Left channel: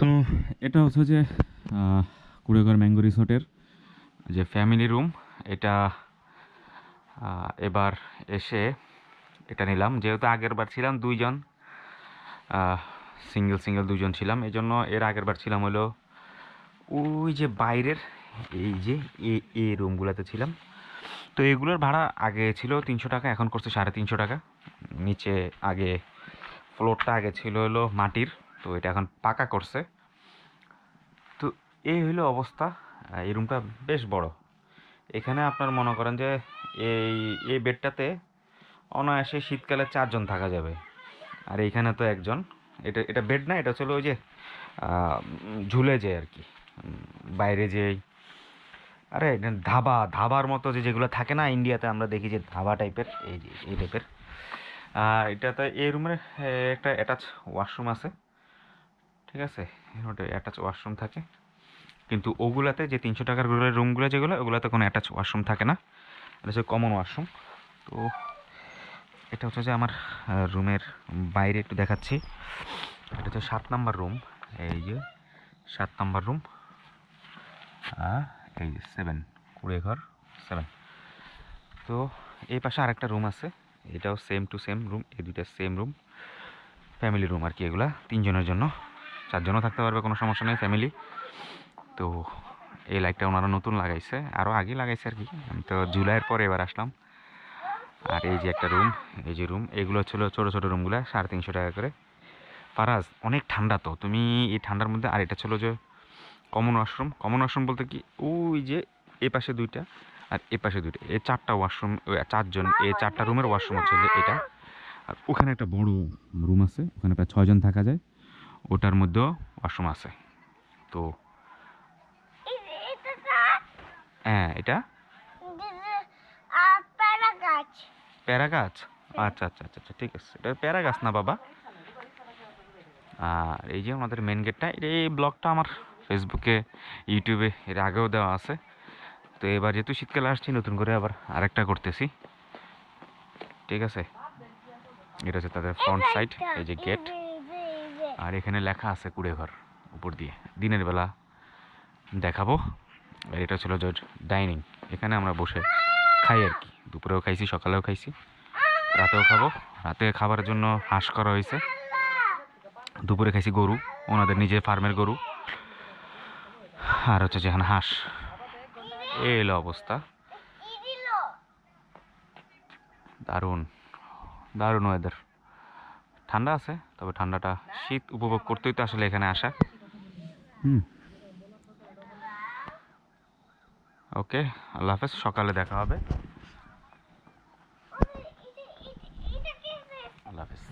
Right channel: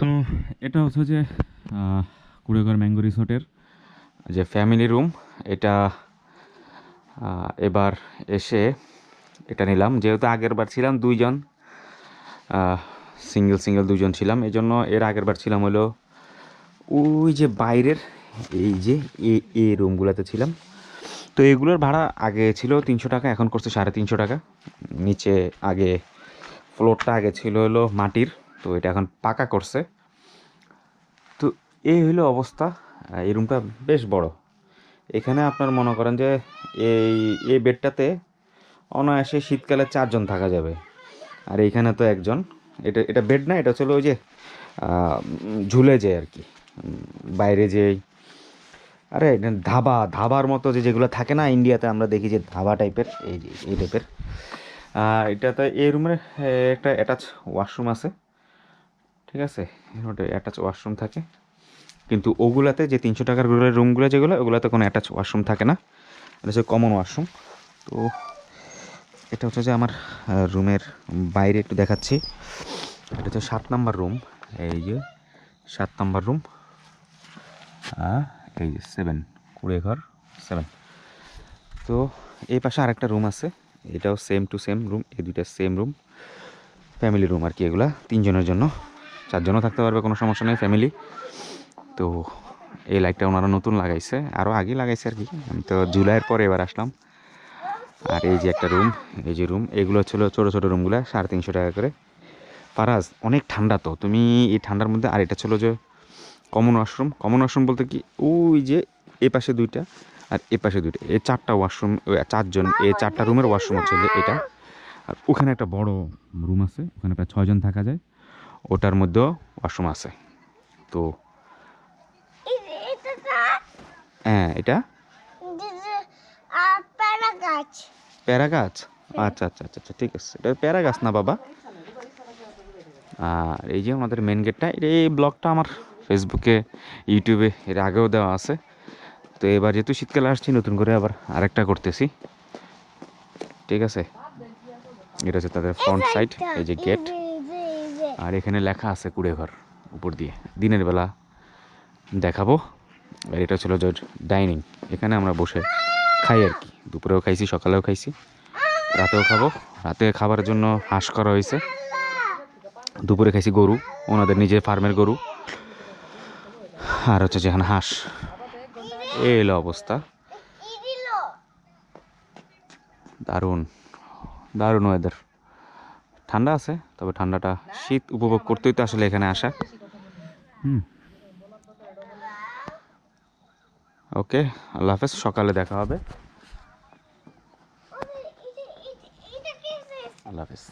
তো এটা হচ্ছে যে কুড়েঘর ম্যাঙ্গো রিসোর্টের যে ফ্যামিলি রুম, এটা এবার এসে এটা নিলাম। যেহেতু আগের বার ছিলাম দুইজন সিঙ্গেল সিঙ্গেল দুজন ছিলাম এই জন্য এর আগের বার ছিলাম হলো ওই যে বাইরের, এই যে এ এই রুমগুলোতে ছিলাম। তো এগুলোর ভাড়া আগে ছিল তিনশো টাকা, এখন করছে সাড়ে তিনশো টাকা। নিচে আগে ফ্লোরটা আগে ছিল হলো মাটির। তো এটা এখন পাকা করছে। তো এই হলো অবস্থা। এই রুমটা বেশ বড়। এখানে আপনার মনে করেন যে এই এই বেডটাতে অনায়াসে শীতকালে চারজন থাকা যাবে। আর এইখানে তো একজন। এটা এটা বেড না, এটা ছিল ওই যে ঝুলে যায় আর কি। বাইরে যে আরে ধাবা, ধাবার মতো যে যেগুলো থাকে না ইন্ডিয়াতে আমরা দেখি যে ধাবা টাইপের এই যে, এই টাইপের এটাতে এই রুমের একটা অ্যাটাচ ওয়াশরুম আছে। ঠিক আছে? ওটা অ্যাটাচ ওয়াশরুম থাকে। কিন্তু ওগুলাতে যে তিনশো টাকার রুমগুলো যেগুলো, ওগুলোতে কোনো অ্যাটাচ ওয়াশরুম থাকে না। এটা হচ্ছে কমন ওয়াশরুম তো এটা হচ্ছে যে আমার রুমের বাইরে একটু দেখাচ্ছি। এটা হচ্ছে সাত নাম্বার রুম এই যে সাত নাম্বার রুম এই যে সেভেন কুড়ে ঘর সেভেন তো এই পাশে আরেকটা রুম আছে। এটাও সেম টু সেম রুম এই দুইটা সেম রুম ফ্যামিলি রুম আর কি এগুলা, তিনজনের জন্য। চারজনও থাকতে পারবে, কোনো সমস্যা নেই ফ্যামিলি তো এই লাইটটা ওনারা নতুন লাগাইছে আরও আগে লাগাইছে আর কি। আমি তো জুলাইয়ের পরে এবার আসলাম। আর এই যে একটা রুম এই যে রুম এগুলো ছিল ছোটো ছোটো রুমগুলো সাড়ে তিনশো টাকা করে। ফারাজ, অনেক ঠান্ডা তো, তুমি এই ঠান্ডার মধ্যে, আর এটা ছিল যে কমন ওয়াশরুম কমন ওয়াশরুম বলতে কি, ওই যে এ পাশে দুইটা, আর এ পাশে দুইটা, এ চারটা ওয়াশরুম চারজন, এ চারটা রুমের ওয়াশরুম হচ্ছে এটা। আর ওখানে একটা বড় রুম আছে, ওখানে প্রায় ছয়জন থাকা যায়। ওটার মধ্যেও ওয়াশরুম আছে। তো হ্যাঁ এটা? প্যারা গাছ প্যারা গাছ আচ্ছা আচ্ছা আচ্ছা আচ্ছা ঠিক আছে। এটা প্যারা গাছ না বাবা? আর এই যে আমাদের মেন গেটটা এই ব্লগটা আমার ফেসবুকে ইউটিউবে এর আগেও দেওয়া আছে। তো এবার যেহেতু শীতকালে আসছি নতুন করে আবার আরেকটা করতেছি। ঠিক আছে? এটা হচ্ছে তাদের ফ্রন্ট সাইড এই যে গেট আর এখানে লেখা আছে কুড়ে ঘর উপর দিয়ে। দিনের বেলা দেখাবো। আর এটা ছিল ডাইনিং। এখানে আমরা বসে খাই আর কি। দুপুরেও খাইছি, সকালেও খাইছি। রাতেও খাব। রাতে খাবার জন্য হাঁস করা হয়েছে। দুপুরে খাইছি গরু, ওনাদের নিজের ফার্মের গরু। আর হচ্ছে যেখানে হাঁস। এলো অবস্থা। দারুণ। দারুণ ওয়েদার ঠান্ডা আছে তবে ঠান্ডাটা শীত উপভোগ করতেই তো আসলে এখানে আসা হুম ওকে আল্লাহ হাফেজ সকালে দেখা হবে আল্লাহ হাফেজ